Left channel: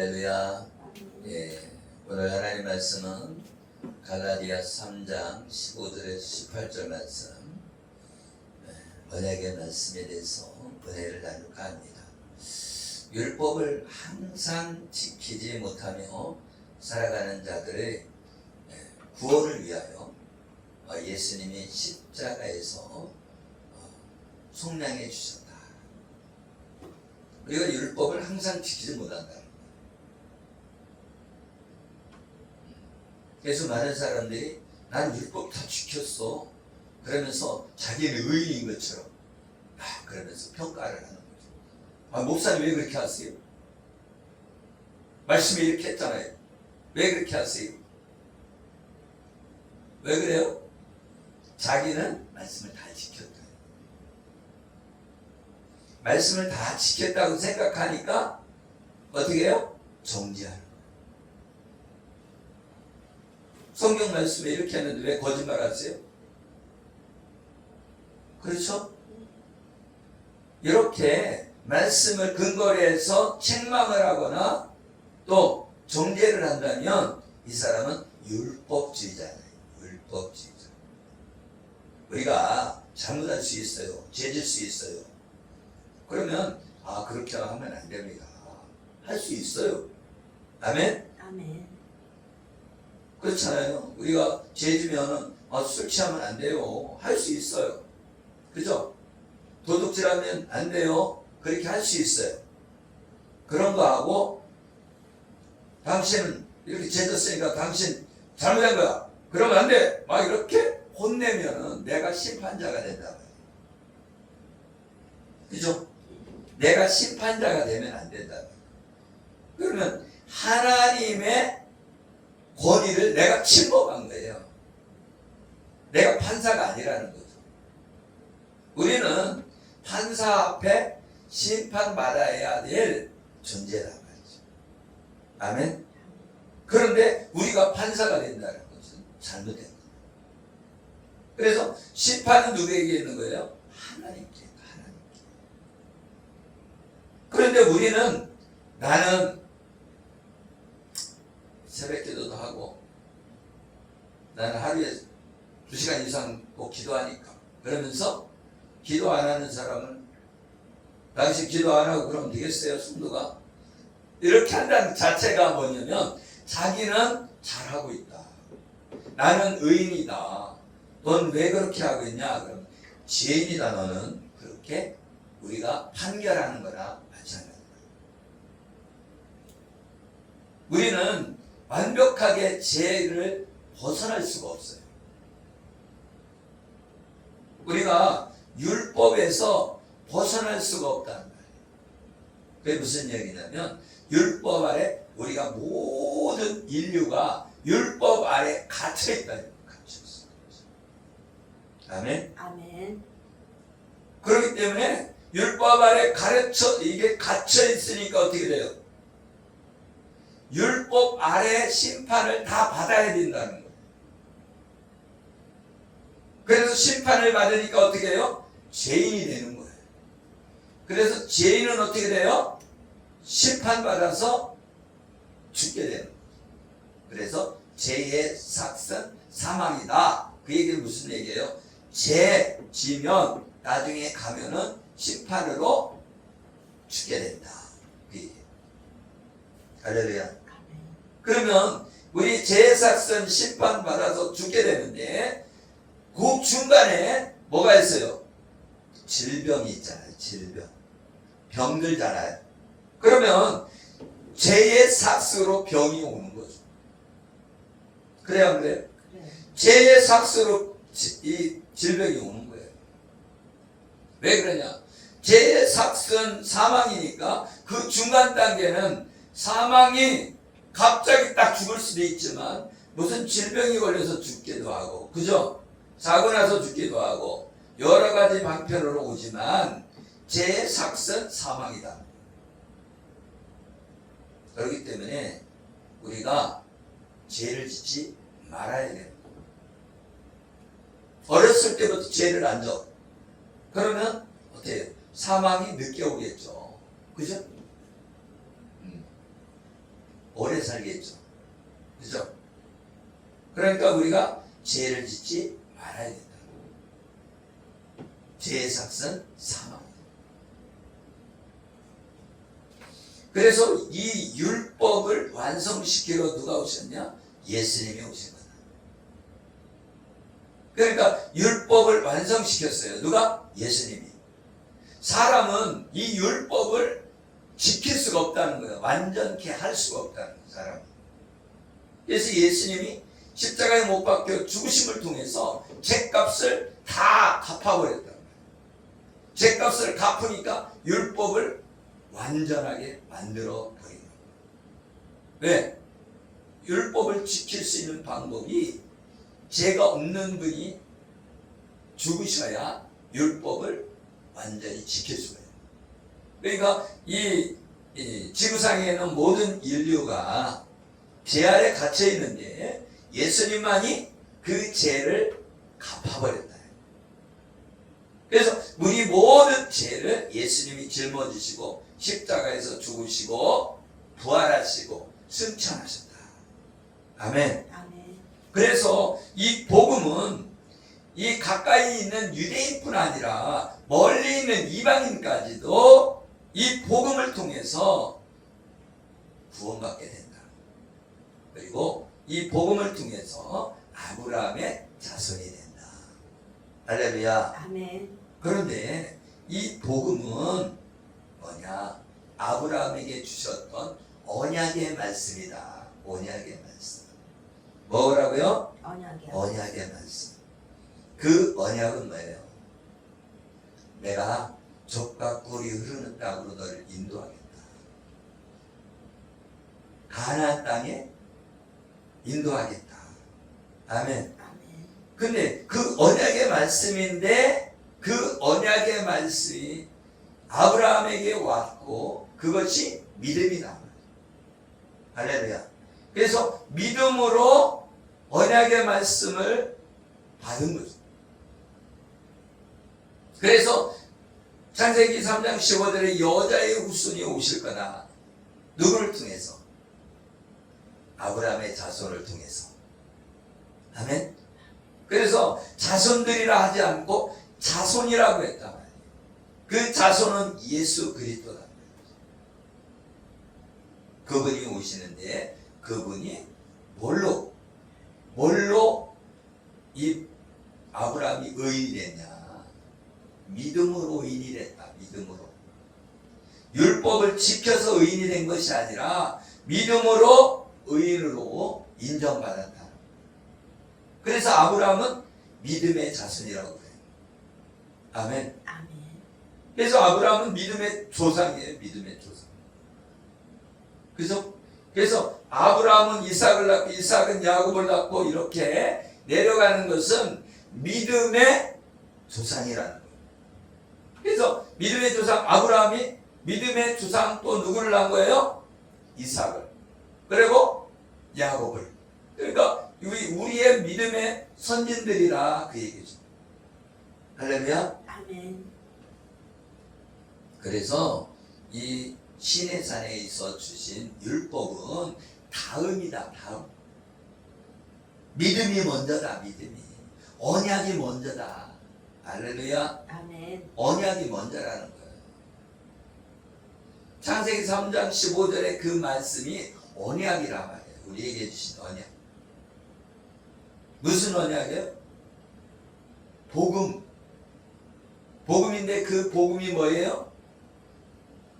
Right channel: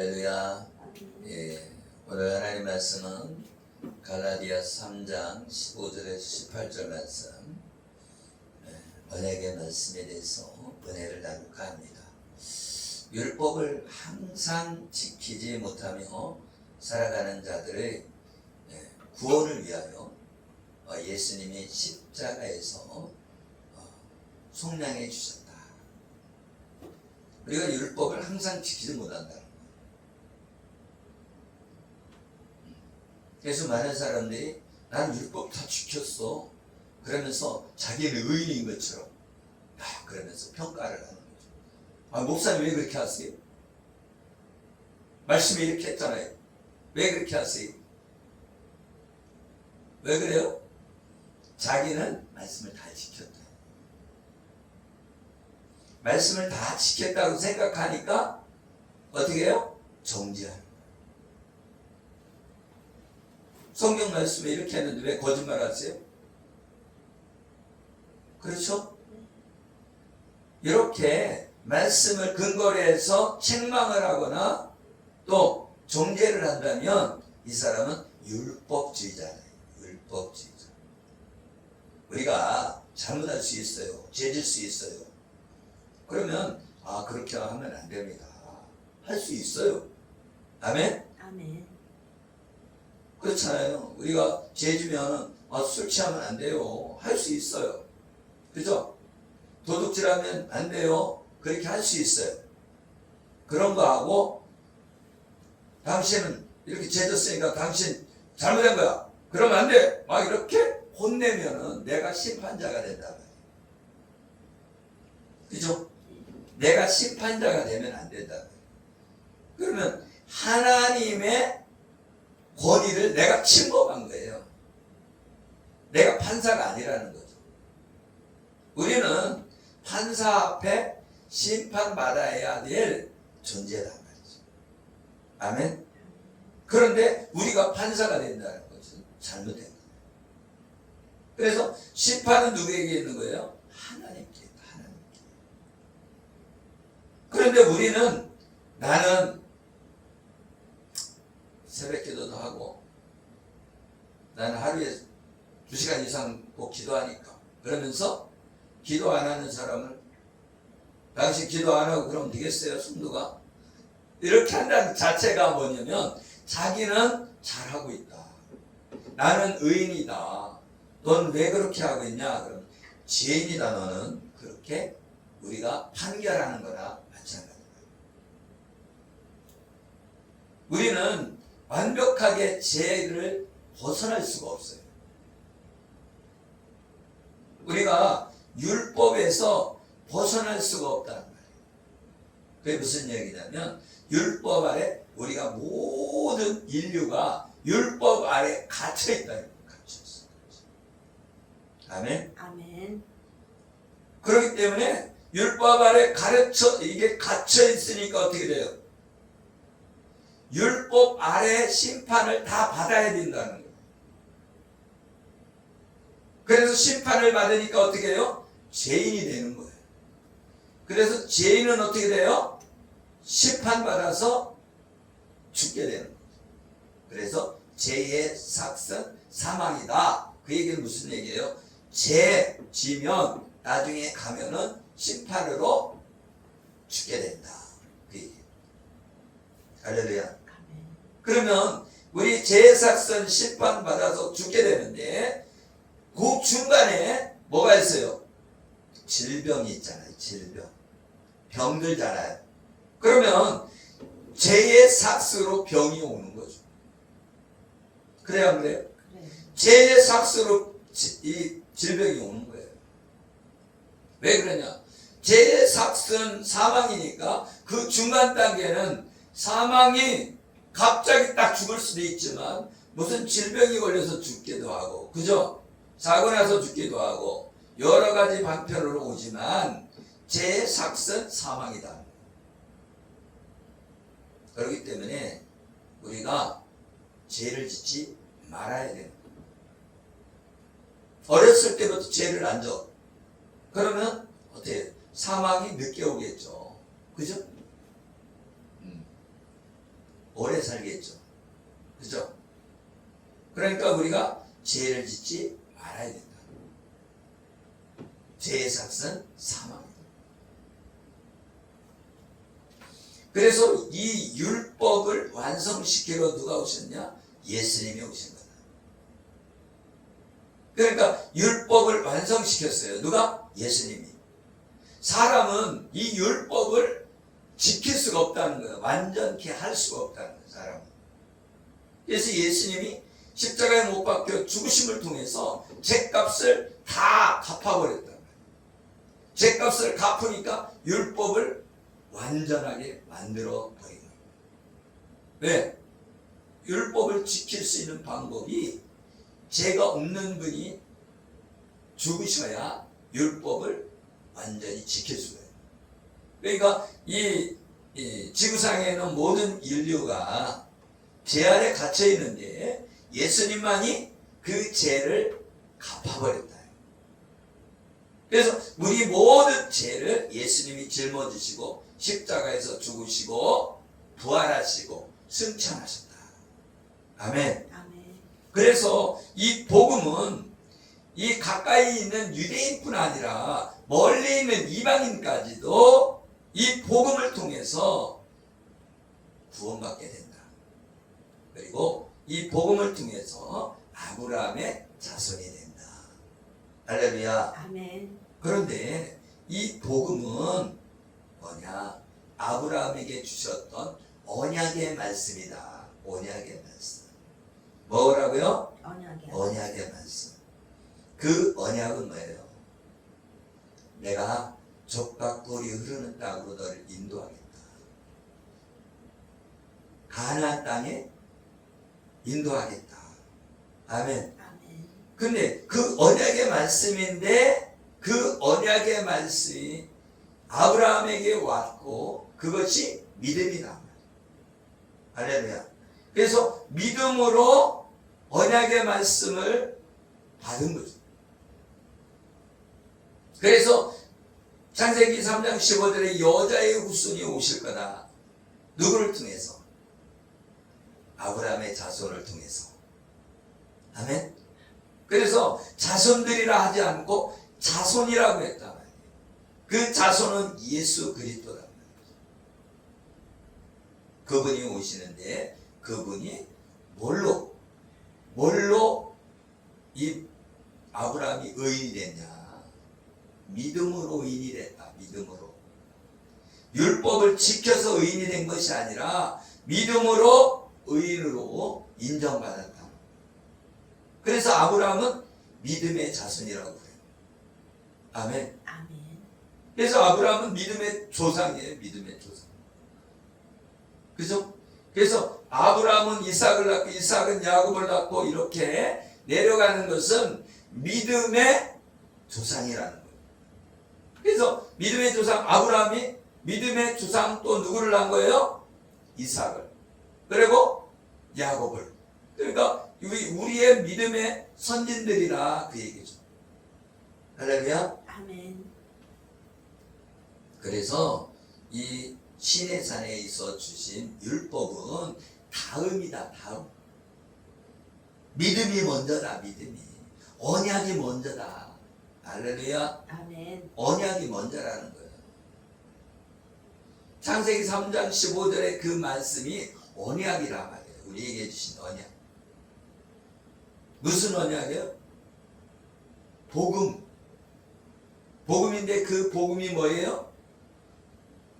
할렐루야. 예, 오늘 하나님 말씀은 갈라디아 3장 15절에서 18절 말씀, 언약의 말씀에 대해서 은혜를 나눌까 합니다. 율법을 항상 지키지 못하며 살아가는 자들의 구원을 위하여 예수님이 십자가에서 속량해 주셨다. 우리가 율법을 항상 지키지 못한다. 그래서 많은 사람들이 난 율법 다 지켰어 그러면서 자기는 의인인 것처럼 그러면서 평가를 하는 거죠. 목사님 왜 그렇게 하세요? 말씀이 이렇게 했잖아요. 왜 그렇게 하세요? 왜 그래요? 자기는 말씀을 다 지켰다. 말씀을 다 지켰다고 생각하니까 어떻게 해요? 정죄하는 거예요. 성경 말씀에 이렇게 했는데 왜 거짓말 하세요? 그렇죠? 이렇게 말씀을 근거로 해서 책망을 하거나 또 정죄를 한다면 이 사람은 율법주의자예요. 율법주의자. 우리가 잘못할 수 있어요. 죄질 수 있어요. 그러면 그렇게 하면 안 됩니다. 할 수 있어요. 아멘? 아멘. 그렇잖아요. 우리가 죄지면 술 취하면 안 돼요. 할 수 있어요. 그죠? 도둑질하면 안 돼요. 그렇게 할 수 있어요. 그런 거 하고 당신은 이렇게 죄졌으니까 당신 잘못한 거야. 그러면 안 돼. 막 이렇게 혼내면은 내가 심판자가 된다. 그죠? 내가 심판자가 되면 안 된다. 그러면 하나님의 권위를 내가 침범한 거예요. 내가 판사가 아니라는 거죠. 우리는 판사 앞에 심판받아야 될 존재란 말이죠. 아멘? 그런데 우리가 판사가 된다는 것은 잘못된 거예요. 그래서 심판은 누구에게 있는 거예요? 하나님께. 그런데 우리는 나는 새벽기도도 하고 나는 하루에 2시간 이상 꼭 기도하니까 그러면서 기도 안 하는 사람은 당신 기도 안 하고 그러면 되겠어요? 성도가 이렇게 한다는 자체가 뭐냐면 자기는 잘하고 있다. 나는 의인이다. 넌 왜 그렇게 하고 있냐? 그럼 죄인이다 너는. 그렇게 우리가 판결하는 거나 마찬가지다. 우리는 완벽하게 죄를 벗어날 수가 없어요. 우리가 율법에서 벗어날 수가 없다는 말이에요. 그게 무슨 얘기냐면 율법 아래 우리가 모든 인류가 율법 아래 갇혀있다. 갇혀있어요. 아멘? 아멘. 그렇기 때문에 율법 아래 이게 갇혀있으니까 어떻게 돼요? 율법 아래 심판을 다 받아야 된다는 거예요. 그래서 심판을 받으니까 어떻게 해요? 죄인이 되는 거예요. 그래서 죄인은 어떻게 돼요? 심판받아서 죽게 되는 거예요. 그래서 죄의 삭은 사망이다. 그 얘기는 무슨 얘기예요? 죄 지면 나중에 가면은 심판으로 죽게 된다. 그 얘기예요. 할렐루야. 그러면 우리 죄삭은 심판받아서 죽게 되는데 그 중간에 뭐가 있어요? 질병이 있잖아요. 질병. 병들잖아요. 그러면 죄의 삭으로 병이 오는 거죠. 그래요, 안 그래요? 그래. 죄의 삭으로 이 질병이 오는 거예요. 왜 그러냐? 죄의 삭은 사망이니까 그 중간 단계는 사망이 갑자기 딱 죽을 수도 있지만 무슨 질병이 걸려서 죽기도 하고, 그죠? 사고 나서 죽기도 하고 여러 가지 방편으로 오지만 죄의 삭은 사망이다. 그렇기 때문에 우리가 죄를 짓지 말아야 돼요. 어렸을 때부터 죄를 안 져. 그러면 어때요? 사망이 늦게 오겠죠. 그죠? 오래 살겠죠. 그죠? 그러니까 우리가 죄를 짓지 말아야 된다. 죄의 삭은 사망이다. 그래서 이 율법을 완성시키러 누가 오셨냐? 예수님이 오신 거다. 그러니까 율법을 완성시켰어요. 누가? 예수님이. 사람은 이 율법을 지킬 수가 없다는 거예요. 완전케 할 수가 없다는 거예요. 사람이. 그래서 예수님이 십자가에 못 박혀 죽으심을 통해서 죄값을 다 갚아버렸다는 거예요. 죄값을 갚으니까 율법을 완전하게 만들어 버리는 거예요. 왜? 율법을 지킬 수 있는 방법이 죄가 없는 분이 죽으셔야 율법을 완전히 지킬 수가 있어요. 그러니까 이 지구상에는 모든 인류가 죄 아래 갇혀 있는데 예수님만이 그 죄를 갚아버렸다. 그래서 우리 모든 죄를 예수님이 짊어지시고 십자가에서 죽으시고 부활하시고 승천하셨다. 아멘. 아멘. 그래서 이 복음은 이 가까이 있는 유대인뿐 아니라 멀리 있는 이방인까지도 이 복음을 통해서 구원받게 된다. 그리고 이 복음을 통해서 아브라함의 자손이 된다. 할렐루야. 아멘. 그런데 이 복음은 뭐냐? 아브라함에게 주셨던 언약의 말씀이다. 언약의 말씀. 뭐라고요? 언약이요. 언약의 말씀. 그 언약은 뭐예요? 내가 젖과 꿀이 흐르는 땅으로 너를 인도하겠다. 가나안 땅에 인도하겠다. 아멘. 아멘. 근데 그 언약의 말씀인데 그 언약의 말씀이 아브라함에게 왔고 그것이 믿음이다. 할렐루야. 그래서 믿음으로 언약의 말씀을 받은 거죠. 그래서 창세기 3장 15절에 여자의 후손이 오실 거다. 누구를 통해서? 아브라함의 자손을 통해서. 아멘. 그래서 자손들이라 하지 않고 자손이라고 했단 말이에요. 그 자손은 예수 그리스도란 말이에요. 그분이 오시는데 그분이 뭘로 이 아브라함이 의인이 됐냐? 믿음으로 의인이 됐다. 믿음으로. 율법을 지켜서 의인이 된 것이 아니라 믿음으로 의인으로 인정받았다. 그래서 아브라함은 믿음의 자손이라고 그래요. 아멘. 아멘. 그래서 아브라함은 믿음의 조상이에요. 믿음의 조상. 그죠? 그래서 아브라함은 이삭을 낳고 이삭은 야곱을 낳고 이렇게 내려가는 것은 믿음의 조상이라는 거예요. 그래서 믿음의 조상 아브라함이 믿음의 조상 또 누구를 낳은 거예요? 이삭을. 그리고 야곱을. 그러니까 우리의 믿음의 선진들이라 그 얘기죠. 할렐루야. 아멘. 그래서 이 시내산에 있어 주신 율법은 다음이다. 다음. 믿음이 먼저다. 믿음이. 언약이 먼저다. 할렐루야. 아멘. 언약이 먼저라는 거예요. 창세기 3장 15절에 그 말씀이 언약이란 말이에요. 우리에게 주신 언약. 무슨 언약이에요? 복음. 복음인데 그 복음이 뭐예요?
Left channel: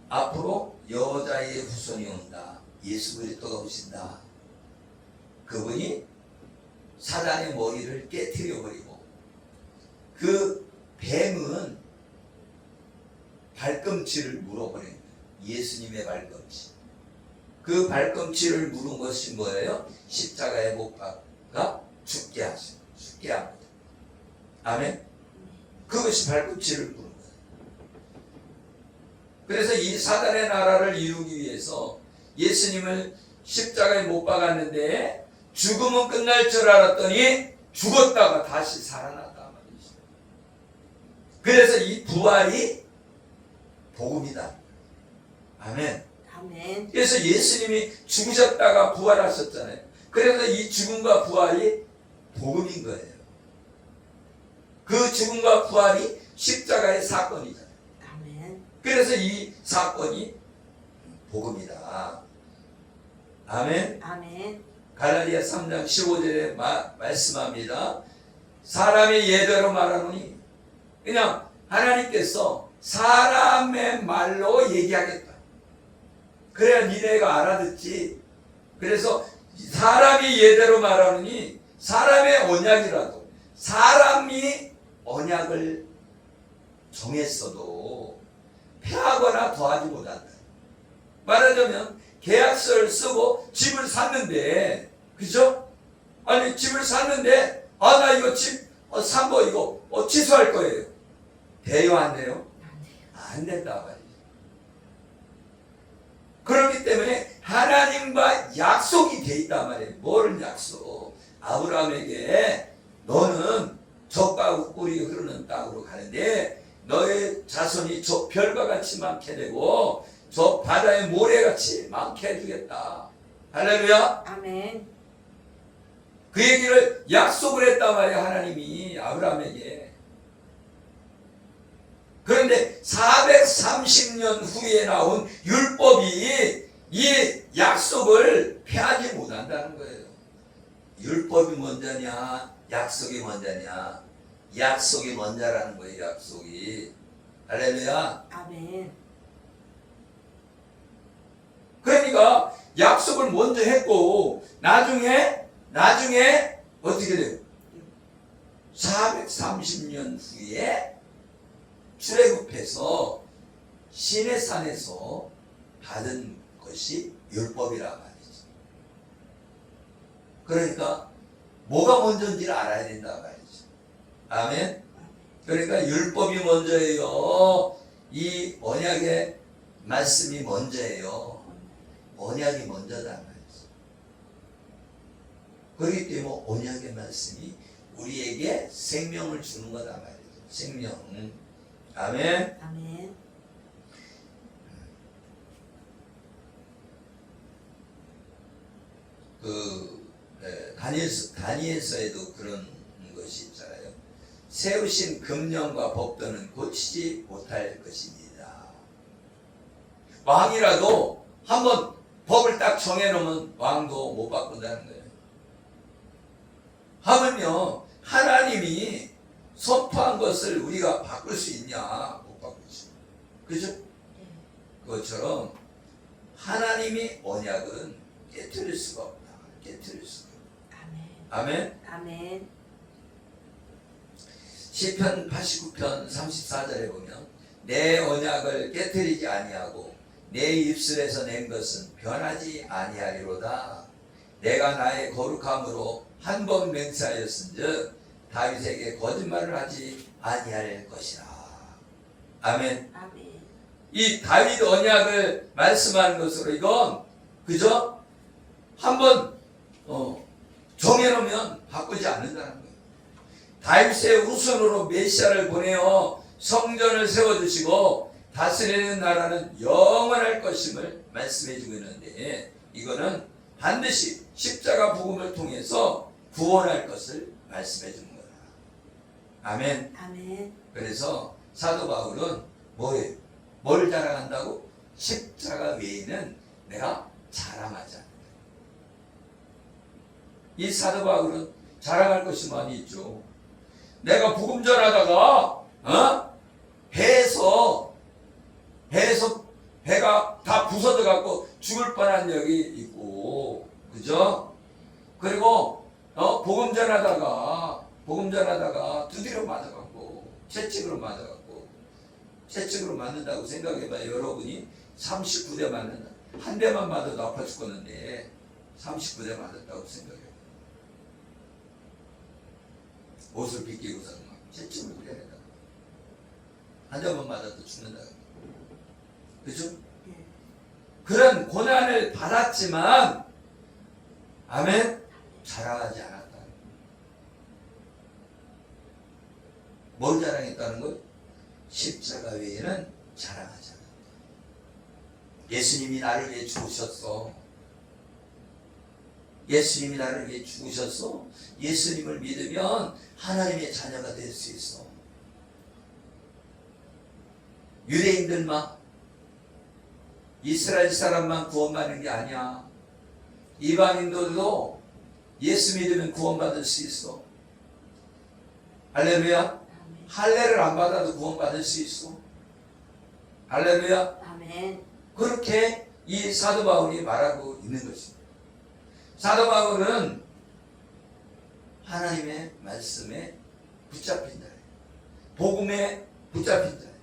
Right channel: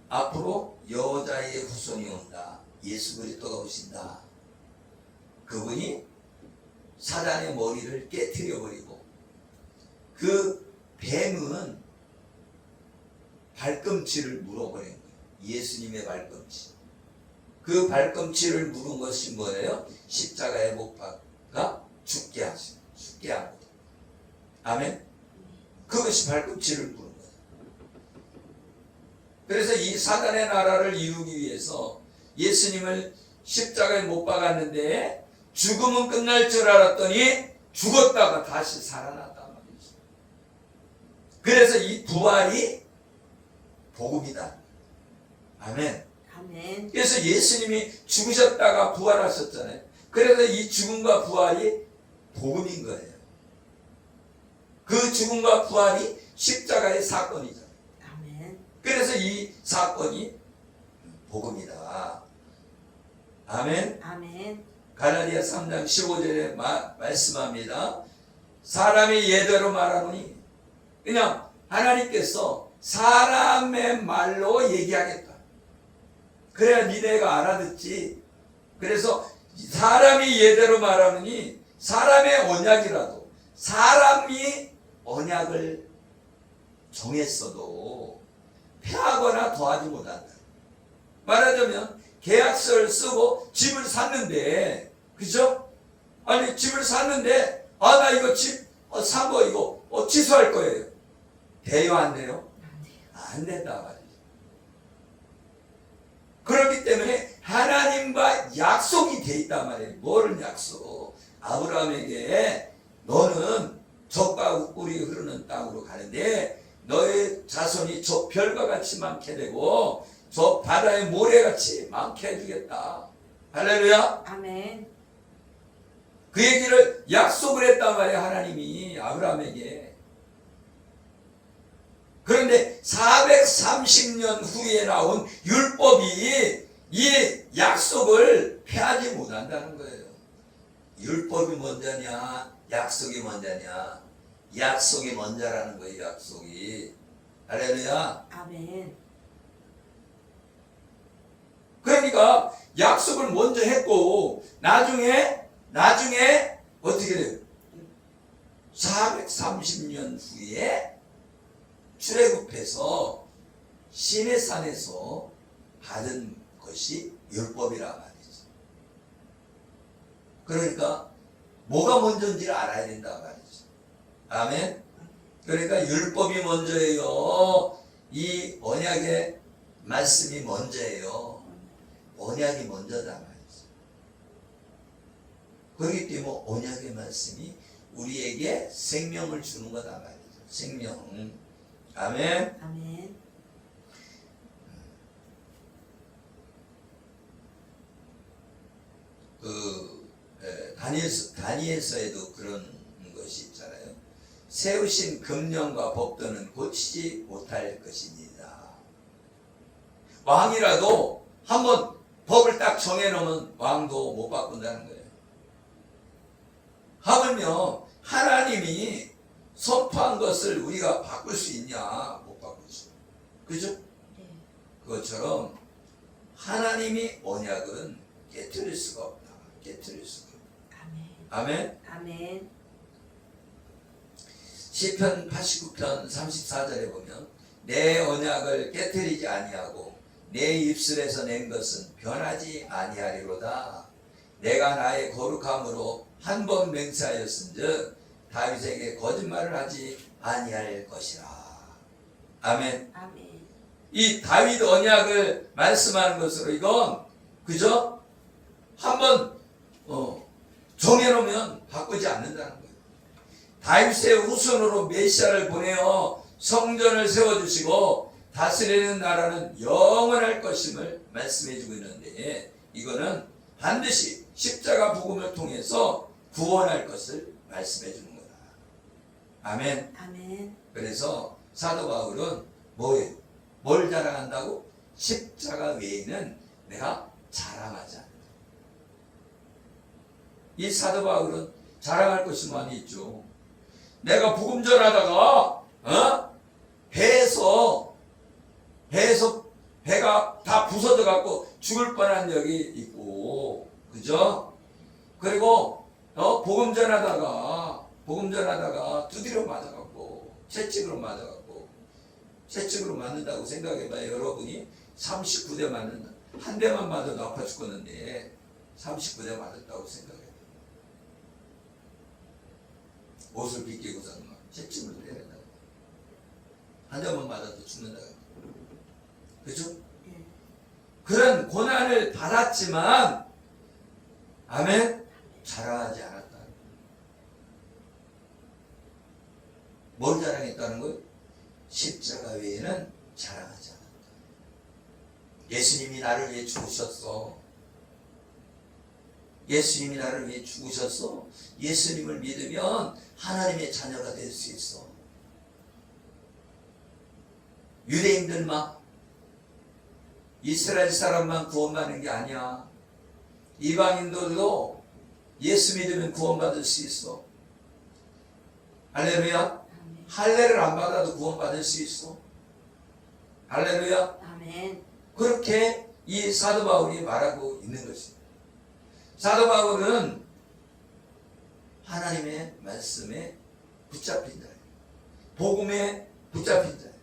앞으로 여자의 후손이 온다. 예수 그리스도가 오신다. 그분이 사단의 머리를 깨트려 버리고 그 뱀은 발꿈치를 물어버린 거예요. 예수님의 발꿈치. 그 발꿈치를 물은 것이 뭐예요? 십자가에 못 박아 죽게 하시고 죽게 한 거예요. 아멘. 그것이 발꿈치를 물은 거예요. 그래서 이 사단의 나라를 이루기 위해서 예수님을 십자가에 못 박았는데 죽음은 끝날 줄 알았더니 죽었다가 다시 살아났단 말이죠. 그래서 이 부활이 복음이다. 아멘. 아멘. 그래서 예수님이 죽으셨다가 부활하셨잖아요. 그래서 이 죽음과 부활이 복음인 거예요. 그 죽음과 부활이 십자가의 사건이잖아요. 아멘. 그래서 이 사건이 복음이다. 아멘. 아멘. 갈라디아 3장 15절에 말씀합니다. 사람이 예대로 말하노니, 그냥 하나님께서 사람의 말로 얘기하겠다. 그래야 니네가 알아듣지. 그래서 사람이 예대로 말하느니, 사람의 언약이라도 사람이 언약을 정했어도 폐하거나 더하지 못한다. 말하자면 계약서를 쓰고 집을 샀는데, 그죠? 아니 집을 샀는데 나 이거 집 산 거 이거 취소할 거예요. 돼요 안 돼요? 안 돼요. 안 된다 말이죠. 그렇기 때문에 하나님과 약속이 돼 있단 말이에요. 뭐를 약속? 아브라함에게 너는 젖과 꿀이 흐르는 땅으로 가는데 너의 자손이 저 별과 같이 많게 되고 저 바다의 모래같이 많게 해주겠다. 할렐루야. 아멘. 그 얘기를 약속을 했단 말이에요. 하나님이 아브라함에게. 그런데 430년 후에 나온 율법이 이 약속을 폐하지 못한다는 거예요. 율법이 먼저냐 약속이 먼저냐? 약속이 먼저라는 거예요. 약속이. 할렐루야. 아멘. 그러니까 약속을 먼저 했고 나중에 어떻게 돼요? 430년 후에 출애굽해서 시내산에서 받은 것이 율법이란 말이죠. 그러니까 뭐가 먼저인지를 알아야 된단 말이죠. 아멘. 그러니까 율법이 먼저예요. 이 언약의 말씀이 먼저예요. 언약이 먼저다 말이죠. 그렇기 때문에 언약의 말씀이 우리에게 생명을 주는 거다 말이죠. 생명. 아멘. 아멘. 다니엘서에도 그런 것이 있잖아요. 세우신 금령과 법도는 고치지 못할 것입니다. 왕이라도 한번 법을 딱 정해놓으면 왕도 못 바꾼다는 거예요. 하물며 하나님이 선포한 것을 우리가 바꿀 수 있냐? 못 바꾸죠. 그죠? 네. 그것처럼 하나님이 언약은 깨트릴 수가 없다. 깨트릴 수가 없다. 아멘. 아멘. 아멘. 시편 89편 34절에 보면 내 언약을 깨트리지 아니하고 내 입술에서 낸 것은 변하지 아니하리로다. 내가 나의 거룩함으로 한 번 맹세하였은즉 다윗에게 거짓말을 하지 아니할 것이라. 아멘. 아멘. 이 다윗 언약을 말씀하는 것으로 이건 그죠? 한번 정해놓으면 바꾸지 않는다는 거예요. 다윗의 후손으로 메시아를 보내어 성전을 세워주시고 다스리는 나라는 영원할 것임을 말씀해주고 있는데 이거는 반드시 십자가 복음을 통해서 구원할 것을 말씀해주는 거다. 아멘. 아멘. 그래서 사도 바울은 뭐예요? 뭘 자랑한다고? 십자가 외에는 내가 자랑하지 않는다. 이 사도 바울은 자랑할 것이 많이 있죠. 내가 복음 전하다가 배에서 배가 다 부서져 갖고 죽을 뻔한 적이 있고, 그죠? 그리고 복음 전하다가 두드려 맞아갖고 채찍으로 맞는다고 생각해봐요. 여러분이 39대 맞는 한 대만 맞아도 아파 죽겠는데 39대 맞았다고 생각해봐요. 옷을 빗기고서 막 채찍을 때린다. 한 대만 맞아도 죽는다. 그죠? 네. 그런 고난을 받았지만 아멘? 자랑하지 않았다. 뭘 자랑했다는 거예요? 십자가 외에는 자랑하지 않았다. 예수님이 나를 위해 죽으셨어. 예수님이 나를 위해 죽으셨어. 예수님을 믿으면 하나님의 자녀가 될 수 있어. 유대인들만, 이스라엘 사람만 구원받는 게 아니야. 이방인들도 예수 믿으면 구원받을 수 있어. 할렐루야. 할례를 안 받아도 구원받을 수 있어. 할렐루야. 아멘. 그렇게 이 사도 바울이 말하고 있는 것입니다. 사도 바울은 하나님의 말씀에 붙잡힌 자예요. 복음에 붙잡힌 자예요.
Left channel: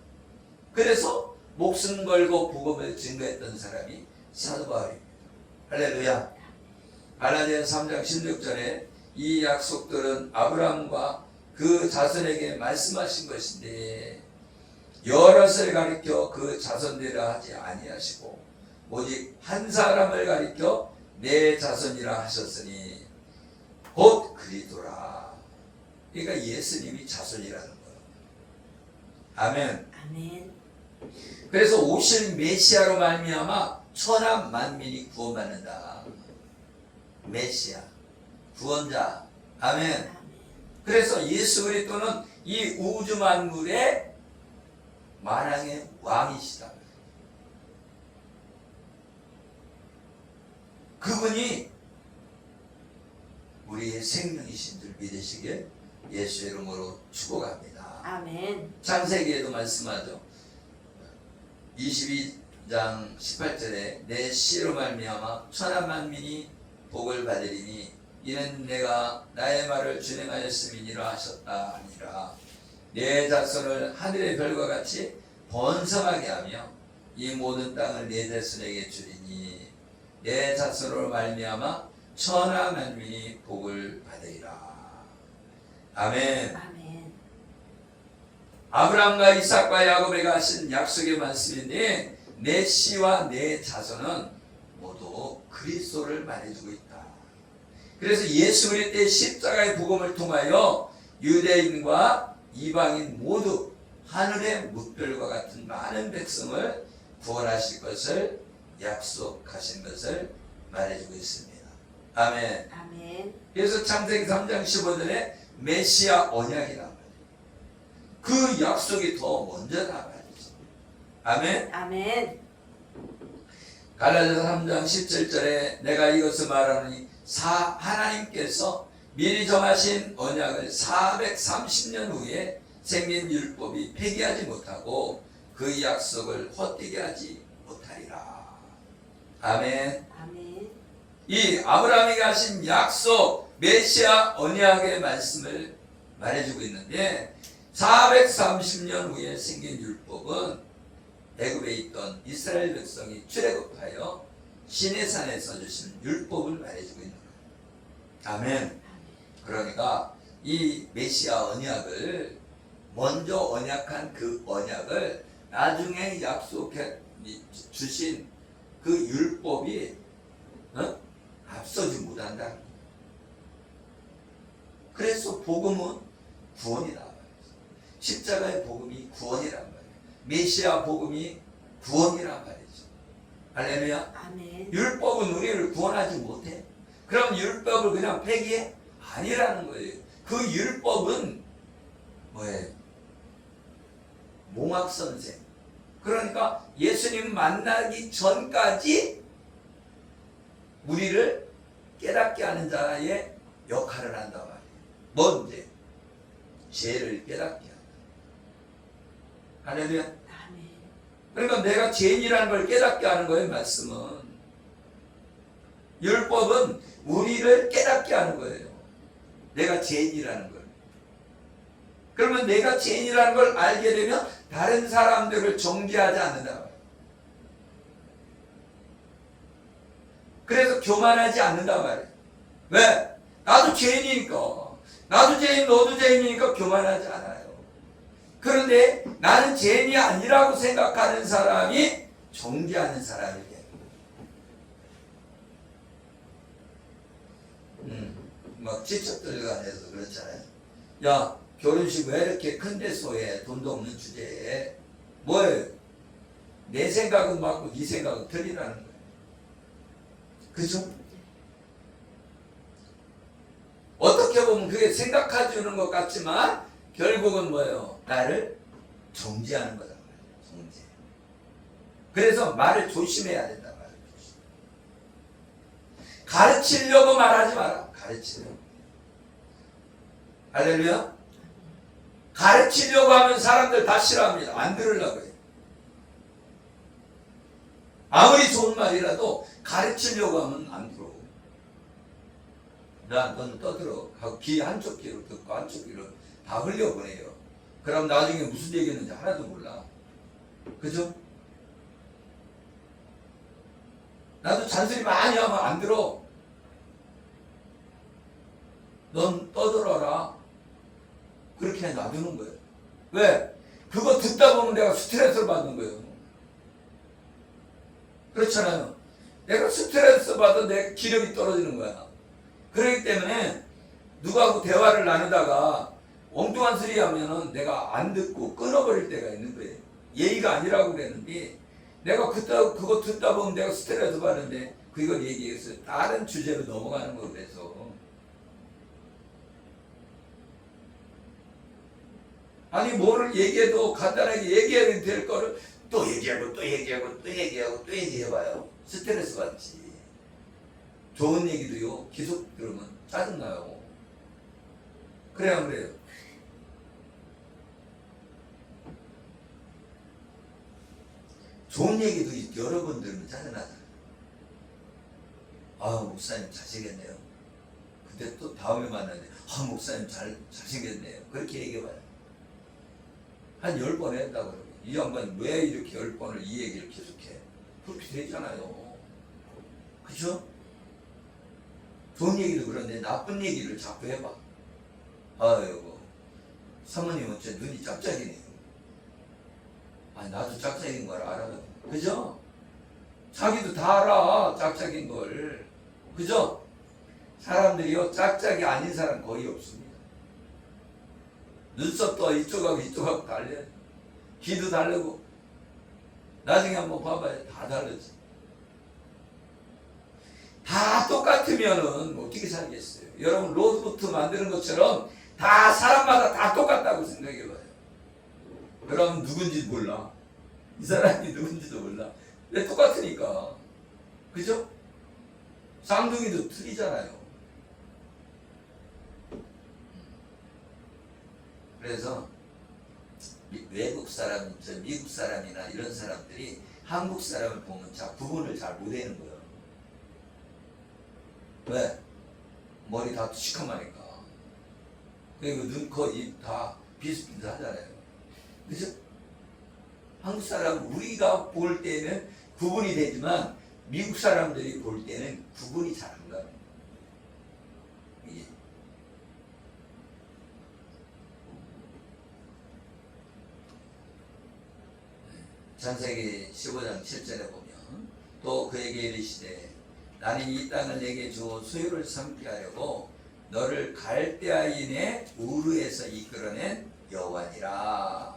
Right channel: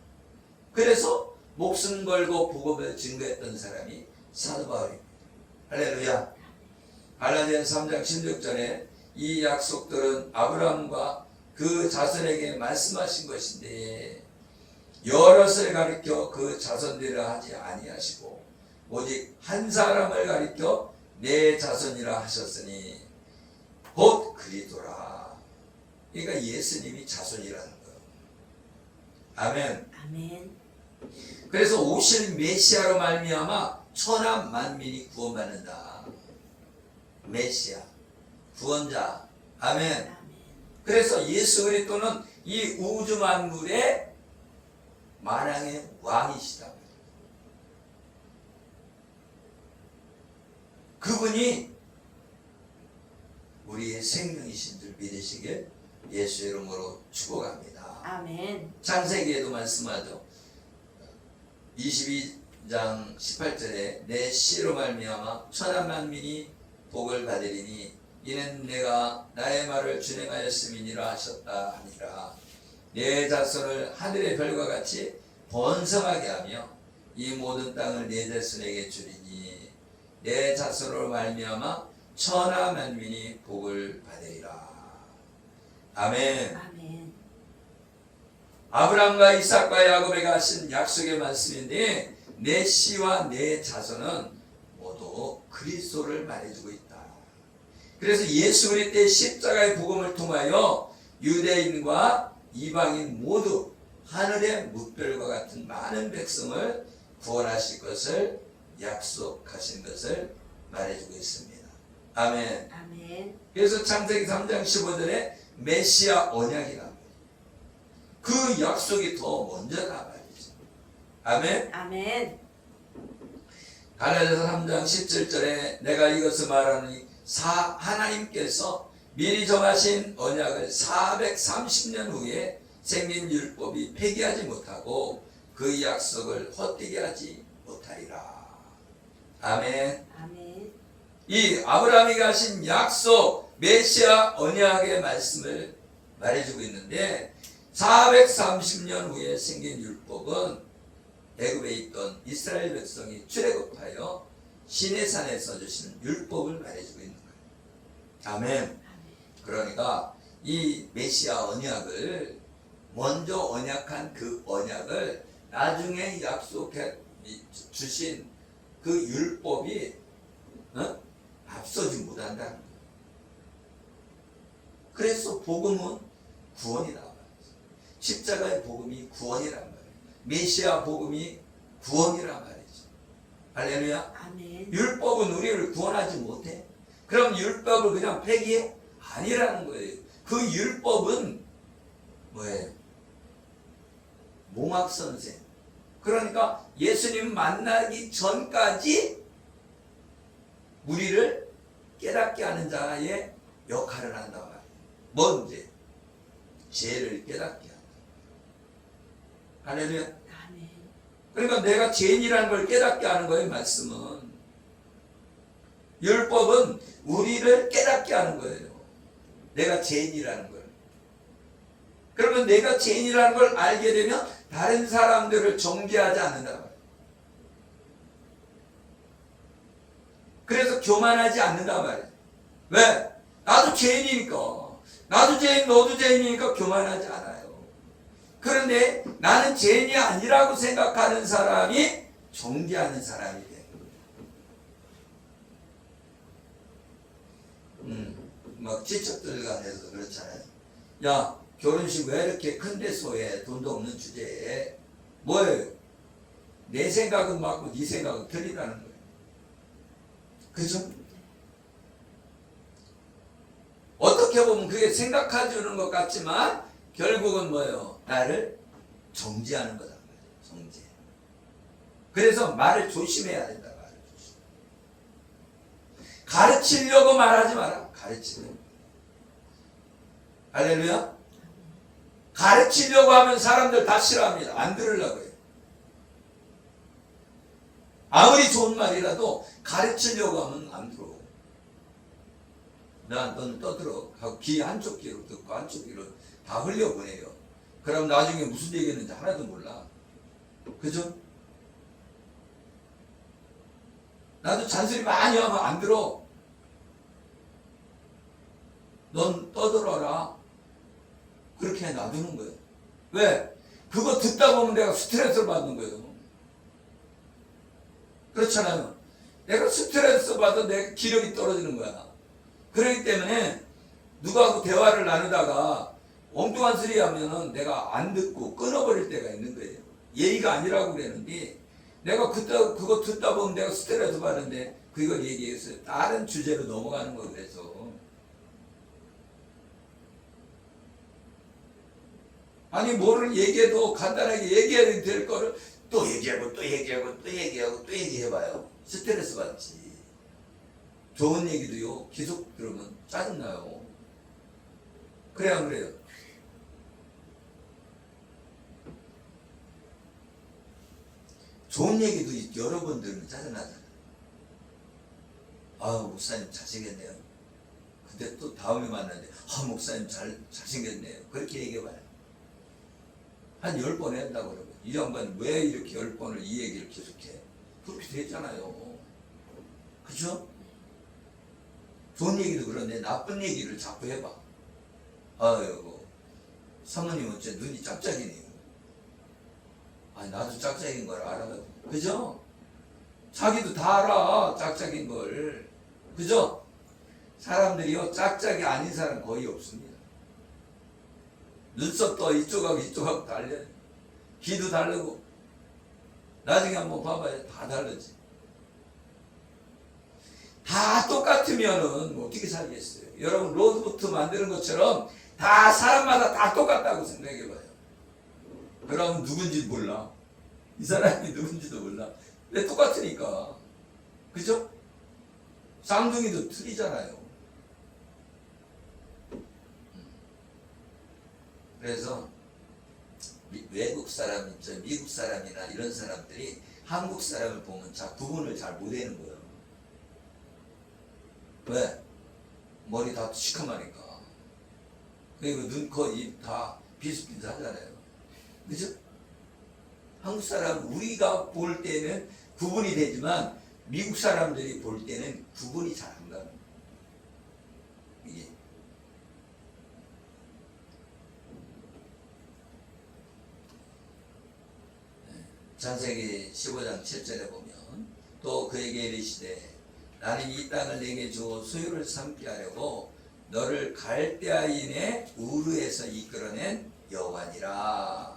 그래서 목숨 걸고 복음을 증거했던 사람이 사도 바울입니다. 할렐루야. 갈라디아서 3장 16절에 이 약속들은 아브라함과 그 자손에게 말씀하신 것인데 여럿을 가리켜 그 자손들이라 하지 아니하시고 오직 한 사람을 가리켜 내 자손이라 하셨으니 곧 그리스도라. 그러니까 예수님이 자손이라는 거예요. 아멘. 아멘. 그래서 오실 메시아로 말미암아 천하 만민이 구원받는다. 메시아, 구원자. 아멘. 아멘. 그래서 예수 그리스도는 이 우주 만물의 만왕의 왕이시다. 그분이 우리의 생명이신 줄 믿으시길 예수의 이름으로 축복합니다. 아멘. 창세기에도 말씀하죠. 22장 18절에 내 씨로 말미암아 천하 만민이 복을 받으리니 이는 내가 나의 말을 준행하였음이니라 하셨다 하니라. 내 자손을 하늘의 별과 같이 번성하게 하며 이 모든 땅을 내 자손에게 주리니 내 자손으로 말미암아 천하 만민이 복을 받으리라. 아멘. 아멘. 아브라함과 이삭과 야곱에게 하신 약속의 말씀인데 내 씨와 내 자손은 모두 그리스도를 말해주고 있다. 그래서 예수 그리스도의 십자가의 복음을 통하여 유대인과 이방인 모두 하늘의 뭇별과 같은 많은 백성을 구원하실 것을 약속하신 것을 말해주고 있습니다. 아멘. 아멘. 그래서 창세기 3장 15절에 메시아 언약이란 말이에요. 그 약속이 더 먼저란 말이죠. 아멘. 아멘. 갈라디아서 3장 17절에 내가 이것을 말하니 하나님께서 미리 정하신 언약을 430년 후에 생긴 율법이 폐기하지 못하고 그 약속을 헛되게 하지 못하리라. 아멘. 아멘. 이 아브라함에게 하신 약속 메시아 언약의 말씀을 말해주고 있는데 430년 후에 생긴 율법은 애굽에 있던 이스라엘 백성이 출애굽하여 시내산에서 주신 율법을 말해주고 있는 거예요. 아멘. 그러니까 이 메시아 언약을 먼저 언약한 그 언약을 나중에 약속해 주신 그 율법이 앞서지 못한다. 그래서 복음은 구원이다. 십자가의 복음이 구원이란 말이에요. 메시아 복음이 구원이란 말이죠. 할렐루야. 아멘. 율법은 우리를 구원하지 못해. 그럼 율법을 그냥 폐기해? 아니라는 거예요. 그 율법은 뭐예요? 몽학선생. 그러니까 예수님 만나기 전까지 우리를 깨닫게 하는 자의 역할을 한단 말이에요. 뭔지 죄를 깨닫게 한다. 할렐루야. 아멘. 그러니까 내가 죄인이라는 걸 깨닫게 하는 거예요. 말씀은. 율법은 우리를 깨닫게 하는 거예요. 내가 죄인이라는 걸. 그러면 내가 죄인이라는 걸 알게 되면 다른 사람들을 정죄하지 않는다. 그래서 교만하지 않는다 말이에요. 왜? 나도 죄인이니까. 나도 죄인, 너도 죄인이니까 교만하지 않아요. 그런데 나는 죄인이 아니라고 생각하는 사람이 정죄하는 사람이 돼요. 막 지척들 간에서도 그렇잖아요. 야, 결혼식 왜 이렇게 큰 데서 해? 돈도 없는 주제에. 뭐예요? 내 생각은 맞고 네 생각은 틀리다는 거예요. 그죠? 어떻게 보면 그게 생각해주는 것 같지만 결국은 뭐예요? 나를 정지하는 거다 말이에요. 정지. 그래서 말을 조심해야 된다. 말을 조심. 가르치려고 말하지 마라. 가르치려고. 할렐루야. 가르치려고 하면 사람들 다 싫어합니다. 안 들으려고 해요. 아무리 좋은 말이라도 가르치려고 하면 안 들어. 넌 떠들어 하고 귀 한쪽 귀로 듣고 한쪽 귀로 다 흘려보내요. 그럼 나중에 무슨 얘기했는지 하나도 몰라. 그죠? 나도 잔소리 많이 하면 안 들어. 넌 떠들어라. 그렇게 놔두는 거예요. 왜? 그거 듣다 보면 내가 스트레스를 받는 거예요. 그렇잖아요. 내가 스트레스 받아 내 기력이 떨어지는 거야. 그렇기 때문에 누구하고 대화를 나누다가 엉뚱한 소리 하면은 내가 안 듣고 끊어버릴 때가 있는 거예요. 예의가 아니라고 그랬는데 내가 그거 듣다 보면 내가 스트레스 받는데 그걸 얘기해서 다른 주제로 넘어가는 거 그래서. 아니 뭐를 얘기해도 간단하게 얘기해야 될 거를 또 얘기하고 또 얘기하고 또 얘기하고 또 얘기해봐요. 스트레스 받지. 좋은 얘기도요 계속 들으면 짜증나요. 그래요 안 그래요? 좋은 얘기도 여러 번 들으면 짜증나잖아요. 아 목사님 잘생겼네요. 근데 또 다음에 만나는데 아 목사님 잘생겼네요. 그렇게 얘기해봐요. 한 10번 한다고 그러고 이 양반이 왜 이렇게 10번을 이 얘기를 계속해? 그렇게 되잖아요. 그죠? 좋은 얘기도 그런데 나쁜 얘기를 자꾸 해봐. 아이고 사모님 어째 눈이 짝짝이네요. 아 나도 짝짝인 걸 알아. 그죠? 자기도 다 알아 짝짝인 걸. 그죠? 사람들이요 짝짝이 아닌 사람 거의 없습니다. 눈썹도 이쪽하고 이쪽하고 달려. 귀도 다르고. 나중에 한번 봐봐요. 다 다르지. 다 똑같으면은 어떻게 살겠어요? 여러분 로드부터 만드는 것처럼 다 사람마다 다 똑같다고 생각해봐요. 그럼 누군지 몰라. 이 사람이 누군지도 몰라. 왜 똑같으니까. 그죠? 쌍둥이도 틀리잖아요. 그래서 외국 사람, 미국 사람이나 이런 사람들이 한국 사람을 보면 구분을 잘 못하는 거예요. 왜? 머리 다 시커머니까. 그리고 눈, 코, 입 다 비슷비슷하잖아요. 그죠? 한국 사람 우리가 볼 때는 구분이 되지만 미국 사람들이 볼 때는 구분이 잘 안 가요. 이게. 창세기 15장 7절에 보면 또 그에게 이르시되 나는 이 땅을 내게 주어 소유를 삼게 하려고 너를 갈대아인의 우르에서 이끌어낸 여호와니라.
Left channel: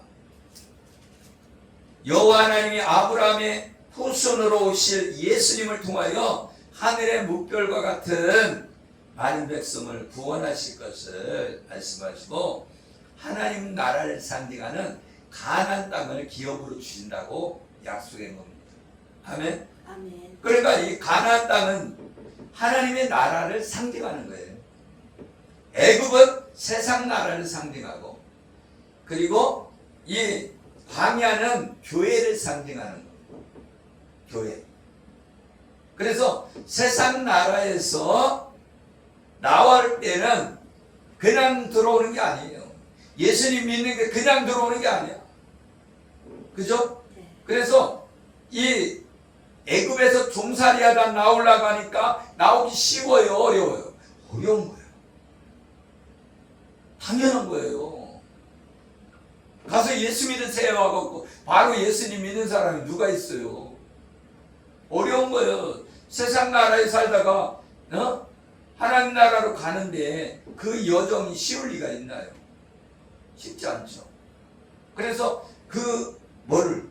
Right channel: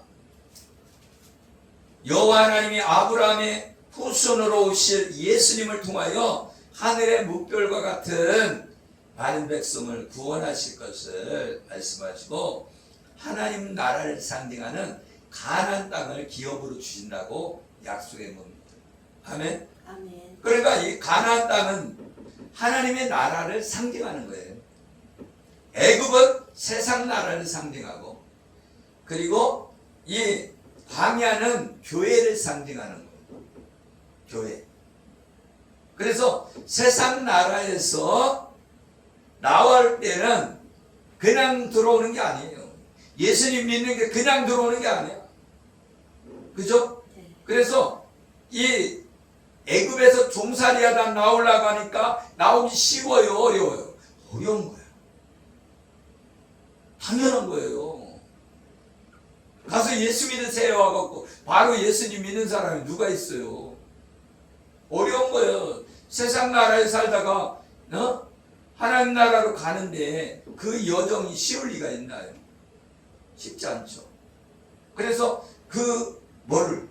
여호와 하나님이 아브라함의 후손으로 오실 예수님을 통하여 하늘의 묵별과 같은 많은 백성을 구원하실 것을 말씀하시고 하나님 나라를 상징하는 가나안 땅을 기업으로 주신다고 약속한 겁니다. 아멘. 아멘. 그러니까 이 가나안 땅은 하나님의 나라를 상징하는 거예요. 애굽은 세상 나라를 상징하고 그리고 이 광야는 교회를 상징하는 거예요. 교회. 그래서 세상 나라에서 나올 때는 그냥 들어오는 게 아니에요. 예수님 믿는 게 그냥 들어오는 게 아니야. 그죠? 네. 그래서 이 애굽에서 종살이하다 나오려고 하니까 나오기 쉬워요, 어려워요? 어려운 거예요. 당연한 거예요. 가서 예수 믿으세요 하고 바로 예수님 믿는 사람이 누가 있어요? 어려운 거예요. 세상 나라에 살다가 하나님 나라로 가는데 그 여정이 쉬울 리가 있나요? 쉽지 않죠. 그래서 그 뭐를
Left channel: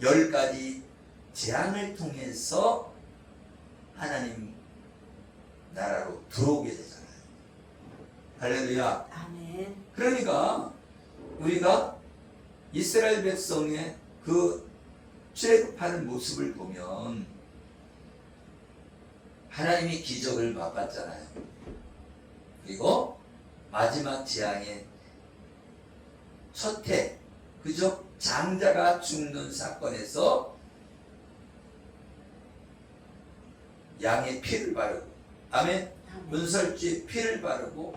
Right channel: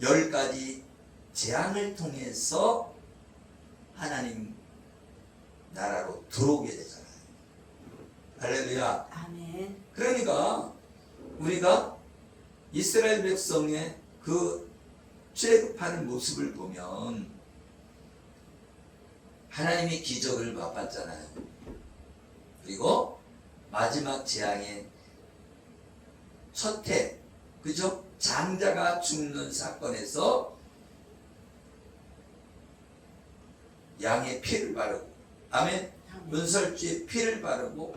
10가지 재앙을 통해서 하나님 나라로 들어오게 되잖아요. 할렐루야. 아멘. 그러니까 우리가 이스라엘 백성의 그 출애굽하는 모습을 보면 하나님이 기적을 맛봤잖아요. 그리고 마지막 재앙의 첫 해, 그죠? 장자가 죽는 사건에서 양의 피를 바르고, 아멘. 아멘. 은설주에 피를 바르고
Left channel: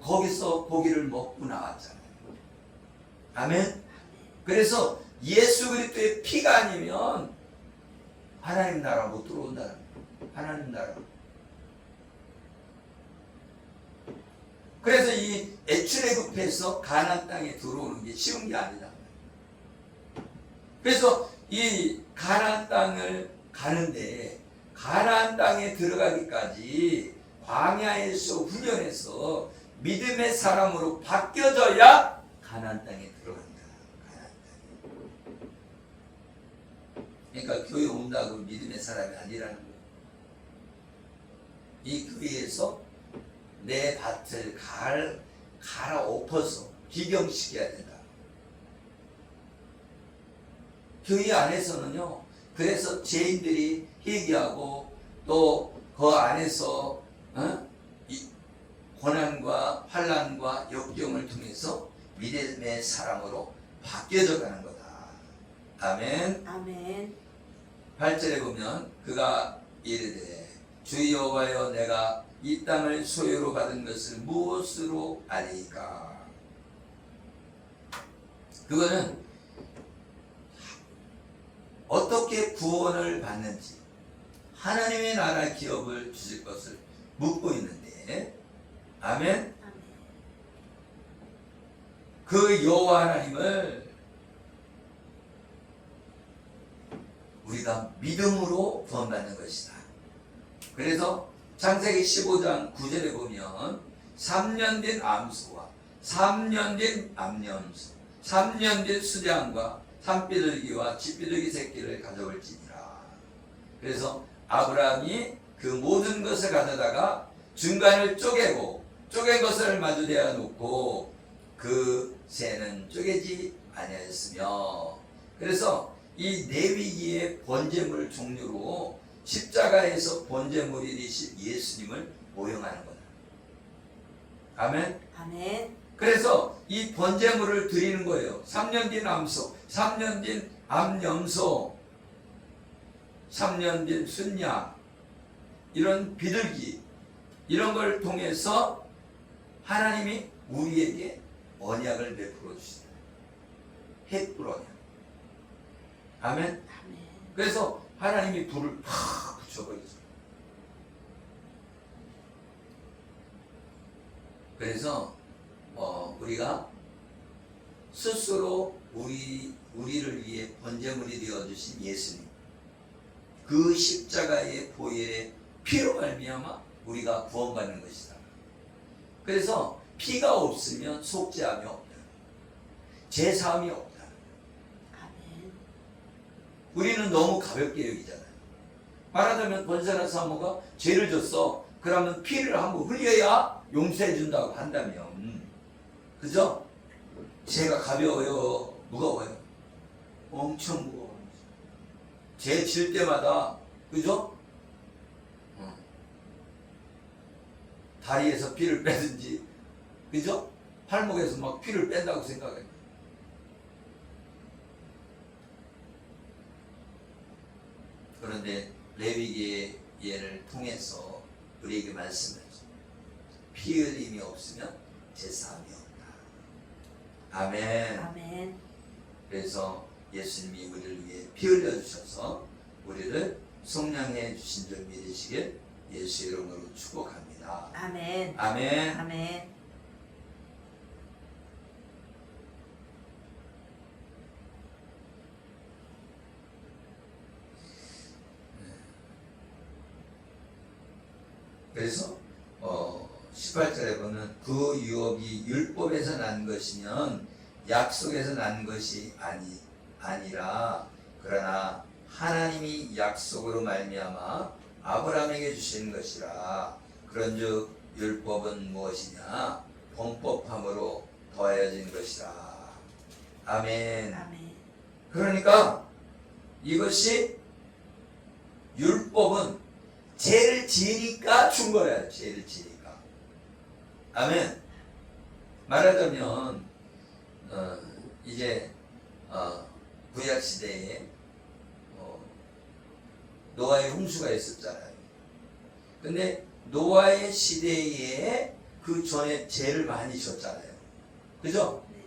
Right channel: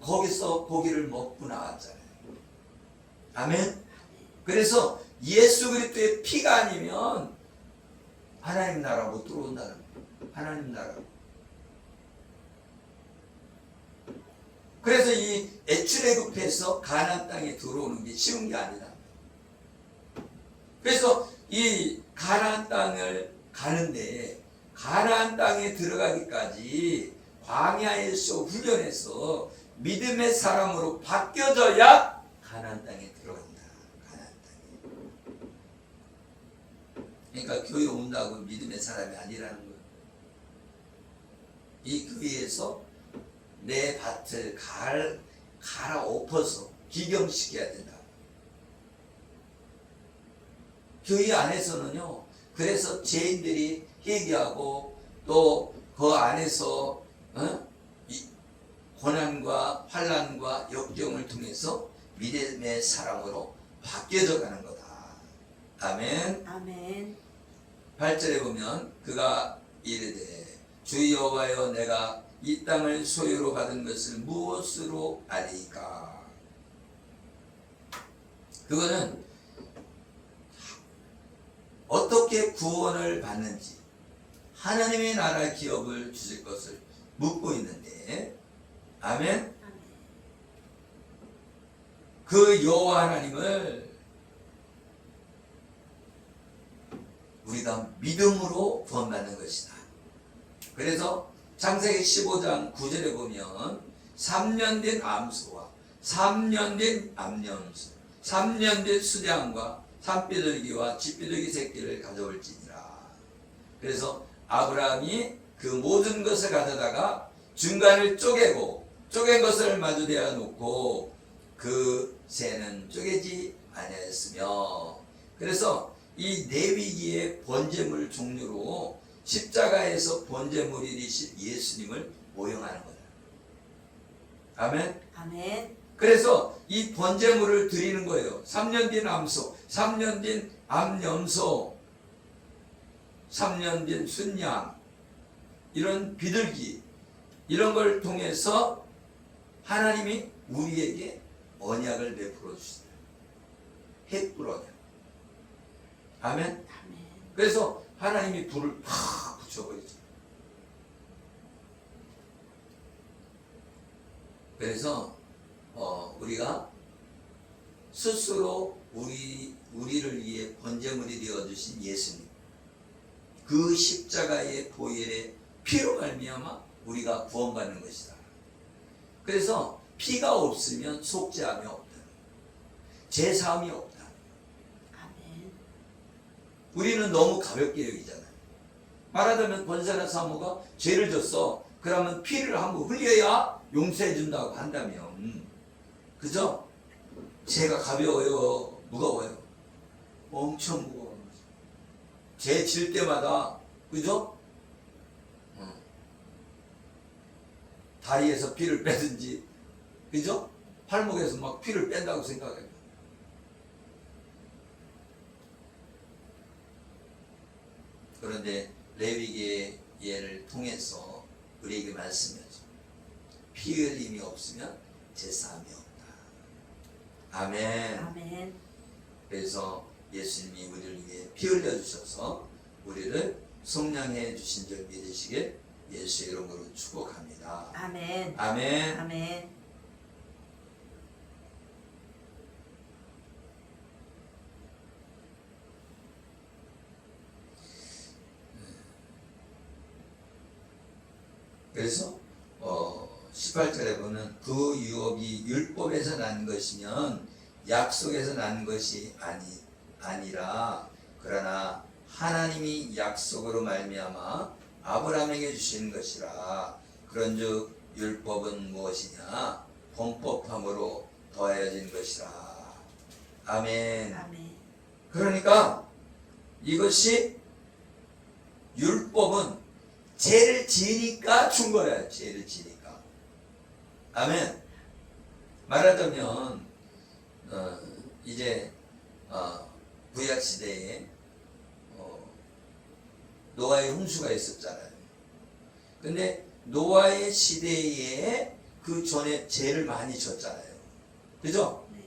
거기서 고기를 먹고 나왔잖아요. 아멘. 그래서 예수 그리스도의 피가 아니면 하나님 나라 못 들어온다는 거예요. 하나님 나라. 그래서 이 출애굽해서 가나안 땅에 들어오는 게 쉬운 게 아니다. 그래서 이 가나안 땅을 가는데 가나안 땅에 들어가기까지 광야에서 훈련해서 믿음의 사람으로 바뀌어져야 가나안 땅에 들어간다. 가나안 땅에. 그러니까 교회 온다고 믿음의 사람이 아니라는 거예요. 이 교회에서 내 밭을 갈아엎어서 기경시켜야 된다. 교회 안에서는요, 그래서 죄인들이 회개하고 또 그 안에서 이 고난과 환난과 역경을 통해서 믿음의 사람으로 바뀌어져 가는 거다. 아멘. 아멘. 8절에 보면 그가 이르되 주 여호와여 내가 이 땅을 소유로 받은 것을 무엇으로 아리까? 그거는 어떻게 구원을 받는지 하나님의 나라 기업을 주실 것을 묻고 있는데, 아멘. 아멘. 그 여호와 하나님을 우리가 믿음으로 구원받는 것이다. 그래서 창세기 15장 9절에 보면 3년 된 암소와 3년 된 암염소 3년 된 수량과 산비둘기와 쥐비둘기 새끼를 가져올지니라. 그래서 아브라함이 그 모든 것을 가져다가 중간을 쪼갠 것을 마주 대어 놓고 그 새는 쪼개지 아니하였으며, 그래서 이 레위기의 번제물 종류로 십자가에서 번제물이 되신 예수님을 모형하는 거다. 아멘. 아멘. 그래서 이 번제물을 드리는 거예요. 3년 된 암소, 3년 된 암염소, 3년 된 순양, 이런 비둘기, 이런 걸 통해서 하나님이 우리에게 언약을 베풀어 주신다. 햇불 언약. 아멘. 아멘. 그래서 하나님이 불을 팍 붙여버리죠. 그래서 우리가 스스로 우리를 위해 번제물이 되어주신 예수님, 그 십자가의 보혈의 피로 말미암아 우리가 구원받는 것이다. 그래서 피가 없으면 속죄함이 없다. 제사함이 없다. 아멘. 우리는 너무 가볍게 여기잖아요. 말하자면 권사나 사모가 죄를 졌어. 그러면 피를 한번 흘려야 용서해 준다고 한다면, 그죠? 죄가 가벼워요? 무거워요? 엄청 무거워요. 죄 질 때마다, 그죠? 다리에서 피를 빼든지, 그죠? 팔목에서 막 피를 뺀다고 생각해요. 그런데 레위기의 예를 통해서 우리에게 말씀하죠. 피 흘림이 없으면 제사함이 없다. 아멘. 아멘. 그래서 예수님이 우리를 위해 피 흘려 주셔서 우리를 속량해 주신 줄 믿으시길 예수의 이름으로 축복합니다. 아멘. 아멘. 아멘. 그래서 18절에 보면 그 유업이 율법에서 난 것이면 약속에서 난 것이 아니라 그러나 하나님이 약속으로 말미암아 아브라함에게 주시는 것이라. 그런즉 율법은 무엇이냐? 범법함으로 더하여진 것이라. 아멘. 아멘. 그러니까 이것이 율법은 죄를 지으니까 준 거예요. 죄를 지으니까. 아멘. 말하자면 이제 구약 시대에 노아의 홍수가 있었잖아요. 근데 노아의 시대에 그 전에 죄를 많이 졌잖아요. 그죠? 네.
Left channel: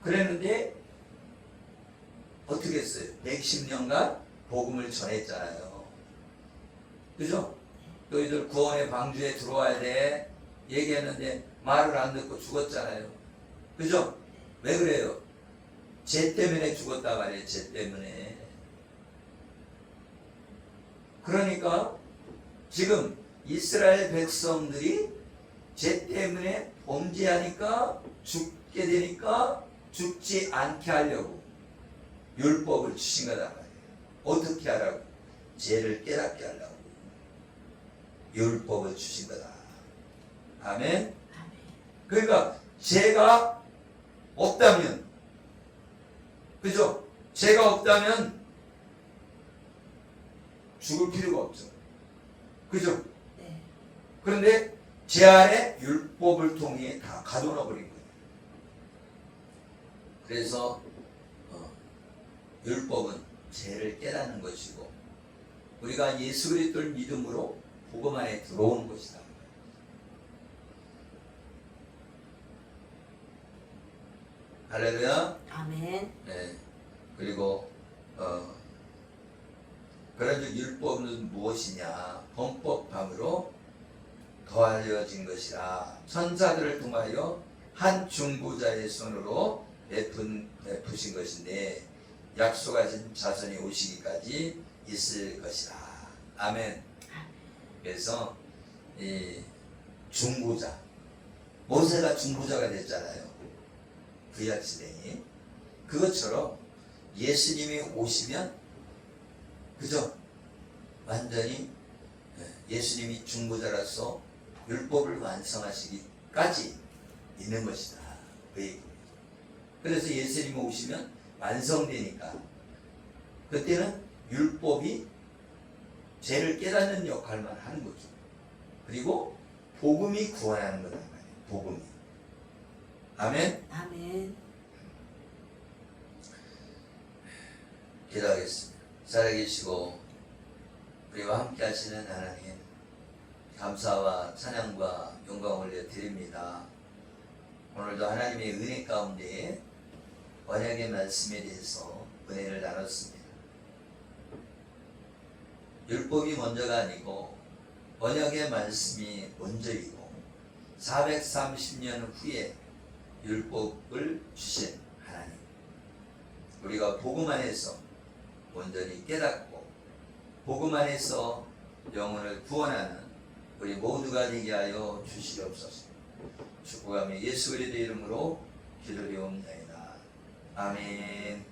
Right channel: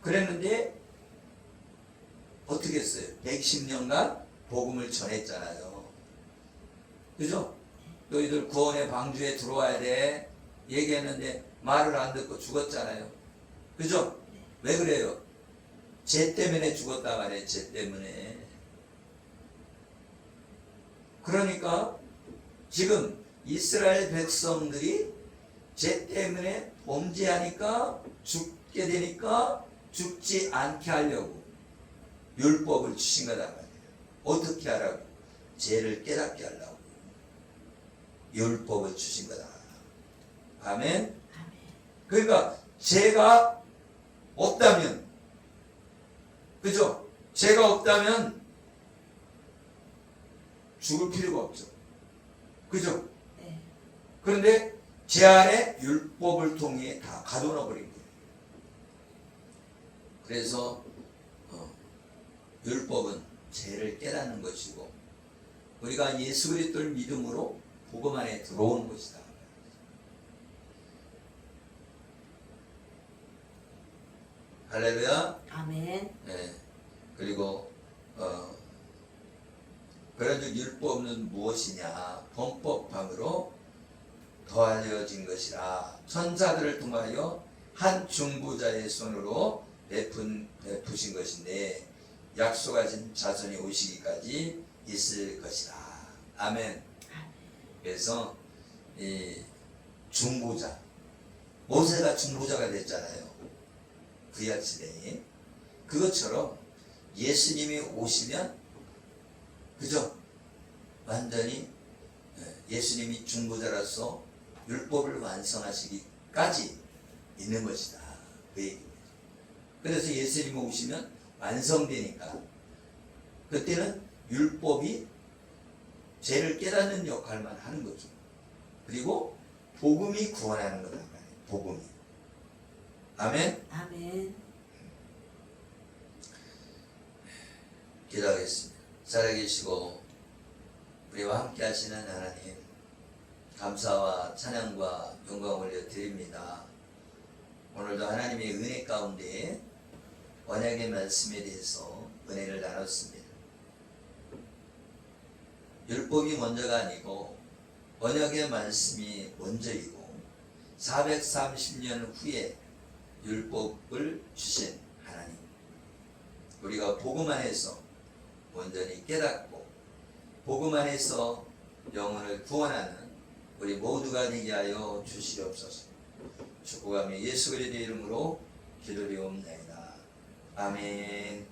그랬는데 어떻게 했어요? 110년간 복음을 전했잖아요. 그죠? 너희들 구원의 방주에 들어와야 돼 얘기했는데 말을 안 듣고 죽었잖아요. 그죠? 왜 그래요? 죄 때문에 죽었다 말이에요. 죄 때문에. 그러니까 지금 이스라엘 백성들이 죄 때문에 범죄하니까 죽게 되니까 죽지 않게 하려고 율법을 주신 거단 말이에요. 어떻게 하라고? 죄를 깨닫게 하려고 율법을 주신 거다. 아멘. 아멘. 그러니까 죄가 없다면, 그죠? 죄가 없다면 죽을 필요가 없죠. 그죠? 네. 그런데 죄 안에 율법을 통해 다 가둬놔 버린 거예요. 그래서 율법은 죄를 깨닫는 것이고 우리가 예수 그리스도를 믿음으로 복음 안에 들어온 것이다. 할렐루야. 아멘. 네. 그리고 그런즉 율법은 무엇이냐? 범법함으로 더하여진 것이라. 천사들을 통하여 한 중보자의 손으로 베푸신 것인데 약속하신 자손이 오시기까지 있을 것이라. 아멘. 그래서 이 중보자, 모세가 중보자가 됐잖아요. 구약 시대에. 그것처럼 예수님이 오시면, 그죠? 완전히 예수님이 중보자로서 율법을 완성하시기까지 있는 것이다. 그 얘기예요. 그래서 예수님이 오시면 완성되니까 그때는 율법이 죄를 깨닫는 역할만 하는 거죠. 그리고 복음이 구원하는 거란 말이에요. 복음이. 아멘. 아멘. 기도하겠습니다. 살아계시고 우리와 함께 하시는 하나님, 감사와 찬양과 영광 올려드립니다. 오늘도 하나님의 은혜 가운데 언약의 말씀에 대해서 은혜를 나눴습니다. 율법이 먼저가 아니고 언약의 말씀이 먼저이고 430년 후에 율법을 주신 하나님, 우리가 복음 안에서 온전히 깨닫고 복음 안에서 영혼을 구원하는 우리 모두가 되게 하여 주시옵소서. 축복하며 예수 그리스도의 이름으로 기도드리옵나이다. 아멘.